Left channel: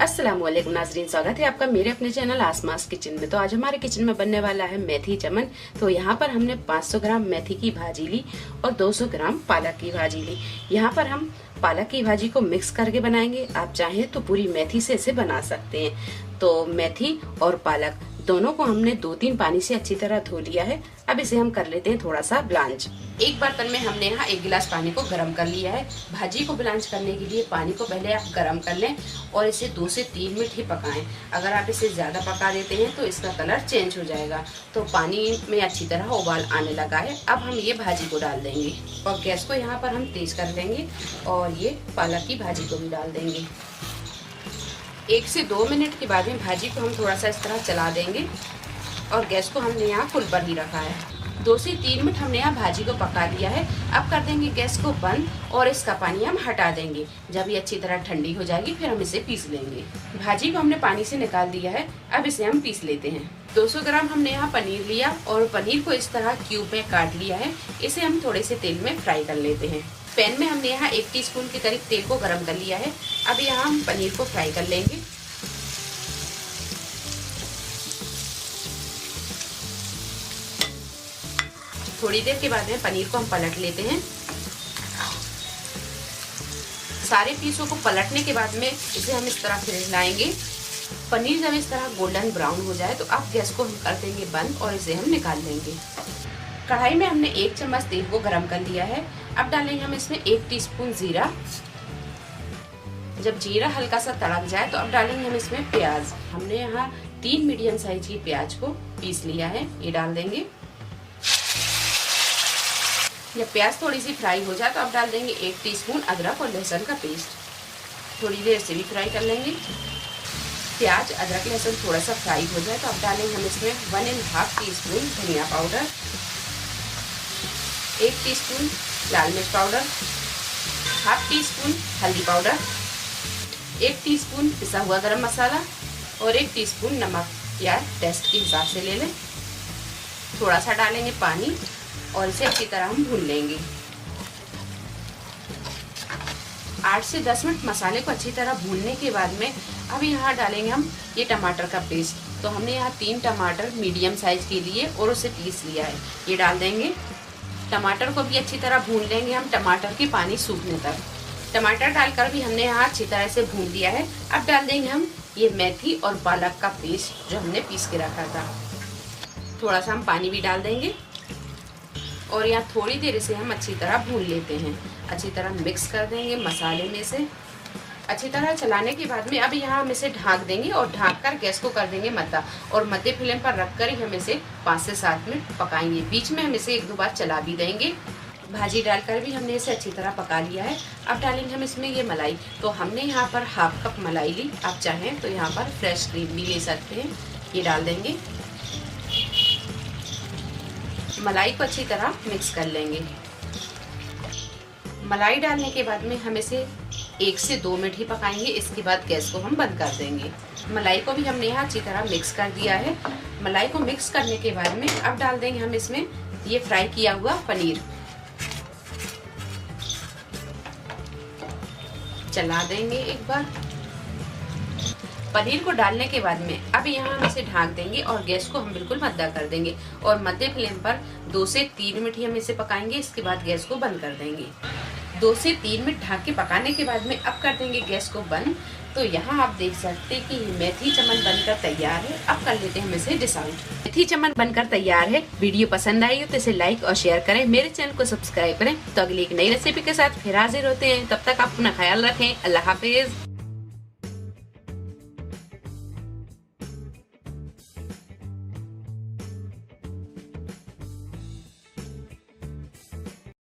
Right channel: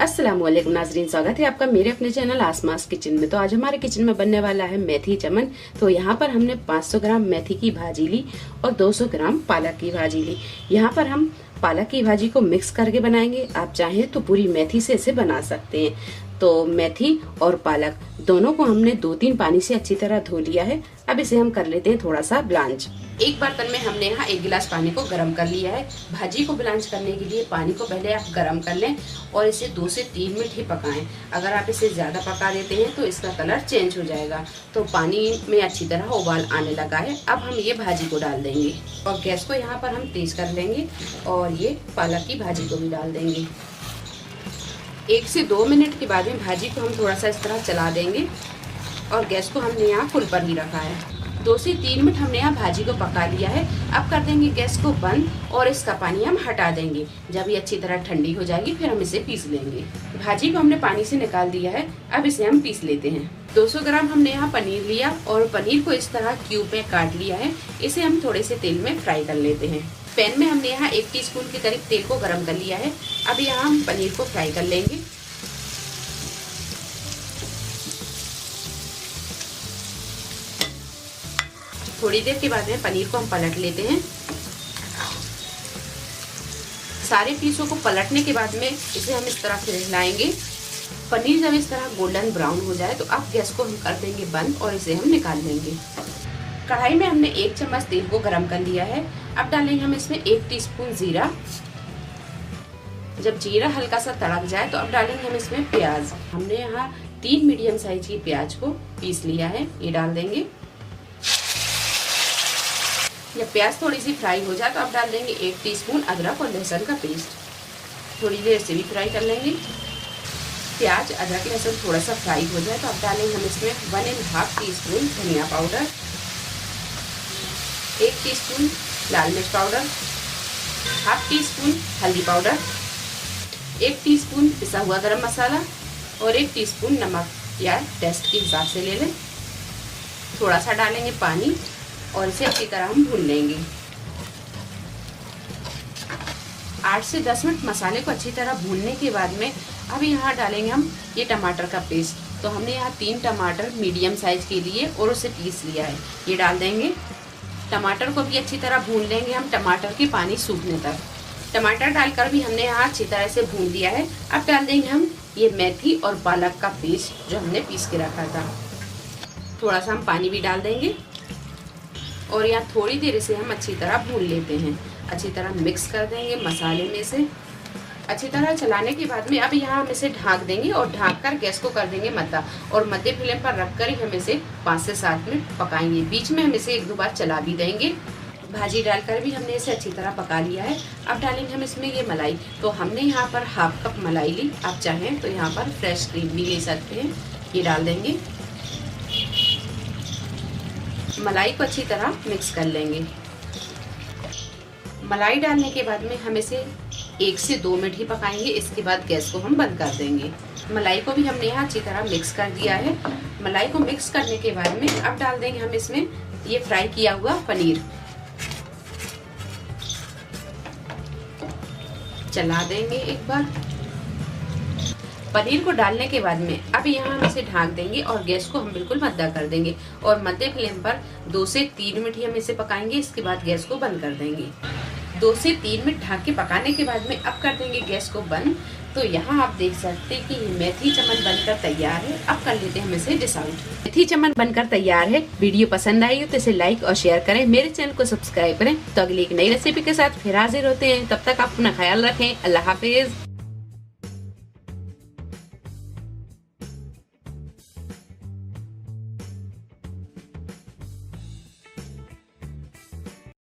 अस्सलामुअलैकुम नाजरीन, स्वागत है आपका मेरे अपने चैनल आसमास किचन में। तो आज हमारे किचन में बनने वाला है मेथी चमन। तो यहाँ पर हमने 500 ग्राम मेथी की भाजी ली और 200 ग्राम पालक की भाजी ली। यहाँ पर हम पालक की भाजी को मिक्स करके बनाएंगे। आप चाहें तो पूरी मेथी से इसे बना सकते हैं। तो मेथी और पालक दोनों को हमने 2-3 पानी से अच्छी तरह धो लिया है। अब इसे हम कर लेते हैं थोड़ा सा ब्लांच। एक बर्तन में हमने यहाँ 1 गिलास पानी को गर्म कर लिया है। भाजी को ब्लांच करने के लिए पानी को पहले आप गर्म कर लें और इसे 2 से 3 मिनट ही पकाएं। अगर आप इसे ज्यादा पका देते हैं तो इसका कलर चेंज हो जाएगा। तो पानी में अच्छी तरह उबाल आने लगा है। अब हम ये भाजी को डाल देंगे और गैस को यहाँ पर हम तेज कर देंगे और ये पालक की भाजी को भी डाल देंगे। 1 से 2 मिनट के बाद में भाजी को हम थोड़ा सा इस तरह चला देंगे और गैस को हमने यहाँ फुल पर ही रखा है। 2 से 3 मिनट हमने यहाँ भाजी को पका लिया है। अब कर देंगे गैस को बंद और इसका पानी हम हटा देंगे। जब ये अच्छी तरह ठंडी हो जाएगी फिर हम इसे पीस लेंगे। भाजी को हमने पानी से निकाल दिया है। अब इसे हम पीस लेते हैं। 200 ग्राम हमने यहाँ पनीर लिया और पनीर को इस तरह क्यूब में काट लिया है। इसे हम थोड़े से तेल में फ्राई कर लेते हैं। पैन में हमने यहाँ 1 टीस्पून के करीब तेल को गरम कर लिया है। अब यहाँ हम पनीर को फ्राई कर लेंगे। थोड़ी देर के बाद में पनीर को हम पलट लेते हैं। सारे पीसों को पलटने के बाद में इसे हम इस तरह से हिलाएंगे। पनीर जब इस तरह गोल्डन ब्राउन हो जाए तो अब गैस को हम कर देंगे बंद और इसे हम निकाल देंगे। कढ़ाई में हमने 1 चम्मच तेल को गरम कर लिया है। अब डालेंगे हम इसमें 1 टीस्पून जीरा। जब जीरा हल्का सा तड़क जाए तो अब डालेंगे हम इसमें प्याज। हमने यहाँ 3 मीडियम साइज की प्याज को पीस लिया है, ये डाल देंगे। जब प्याज थोड़ी सी फ्राई हो जाए तो अब डाल देंगे 1 टीस्पून अदरक और लहसुन का पेस्ट। थोड़ी देर से भी फ्राई कर लेंगे। प्याज अदरक लहसुन थोड़ा सा फ्राई हो जाए तो अब डालेंगे हम इसमें 1½ टीस्पून धनिया पाउडर, 1 टीस्पून लाल मिर्च पाउडर, ½ टीस्पून हल्दी पाउडर, 1 टीस्पून पिसा हुआ गरम मसाला और 1 टीस्पून नमक या टेस्ट के हिसाब से ले लें। थोड़ा सा डालेंगे पानी और इसे अच्छी तरह हम भून लेंगे। 8 से 10 मिनट मसाले को अच्छी तरह भूनने के बाद में अब यहाँ डालेंगे हम ये टमाटर का पेस्ट। तो हमने यहाँ 3 टमाटर मीडियम साइज के लिए और उसे पीस लिया है, ये डाल देंगे। टमाटर को भी अच्छी तरह भून लेंगे हम टमाटर के पानी सूखने तक। टमाटर डालकर भी हमने यहाँ अच्छी तरह से भून दिया है। अब डाल देंगे हम ये मेथी और पालक का पेस्ट जो हमने पीस के रखा था। थोड़ा सा हम पानी भी डाल देंगे और यहाँ थोड़ी देर इसे हम अच्छी तरह भून लेते हैं। अच्छी तरह मिक्स कर देंगे मसाले में से। अच्छी तरह चलाने के बाद में अब यहाँ हम इसे ढक देंगे और ढक कर गैस को कर देंगे मद्दा और मध्य फ्लेम पर रखकर ही हम इसे 5 से 7 मिनट पकाएंगे। बीच में हम इसे 1-2 बार चला भी देंगे। भाजी डालकर भी हमने इसे अच्छी तरह पका लिया है। अब डालेंगे हम इसमें ये मलाई। तो हमने यहाँ पर ½ कप मलाई ली। आप चाहें तो यहाँ पर फ्रेश क्रीम भी ले सकते हैं, ये डाल देंगे। मलाई को अच्छी तरह मिक्स कर लेंगे। मलाई डालने के बाद में हम इसे 1 से 2 मिनट ही पकाएंगे। इसके बाद गैस को हम बंद कर देंगे। मलाई को भी हमने यहाँ अच्छी तरह मिक्स कर दिया है। मलाई को मिक्स करने के बाद में अब डाल देंगे हम इसमें ये फ्राई किया हुआ पनीर। चला देंगे एक बार। पनीर को डालने के बाद में अब यहाँ हम इसे ढक देंगे और गैस को हम बिल्कुल मद्दा कर देंगे और मध्य फ्लेम पर 2 से 3 मिनट ही हम इसे पकाएंगे। इसके बाद गैस को बंद कर देंगे। 2 से 3 मिनट ढक के पकाने के बाद में अब कर देंगे गैस को बंद। तो यहाँ आप देख सकते हैं कि मेथी चमन बनकर तैयार है। अब कर लेते हैं हम इसे डिश आउट। मेथी चमन बनकर तैयार है। वीडियो पसंद आई हो तो इसे लाइक और शेयर करें। मेरे चैनल को सब्सक्राइब करें। तो अगली एक नई रेसिपी के साथ फिर हाजिर होते हैं। तब तक आप अपना ख्याल रखें। अल्लाह हाफिज।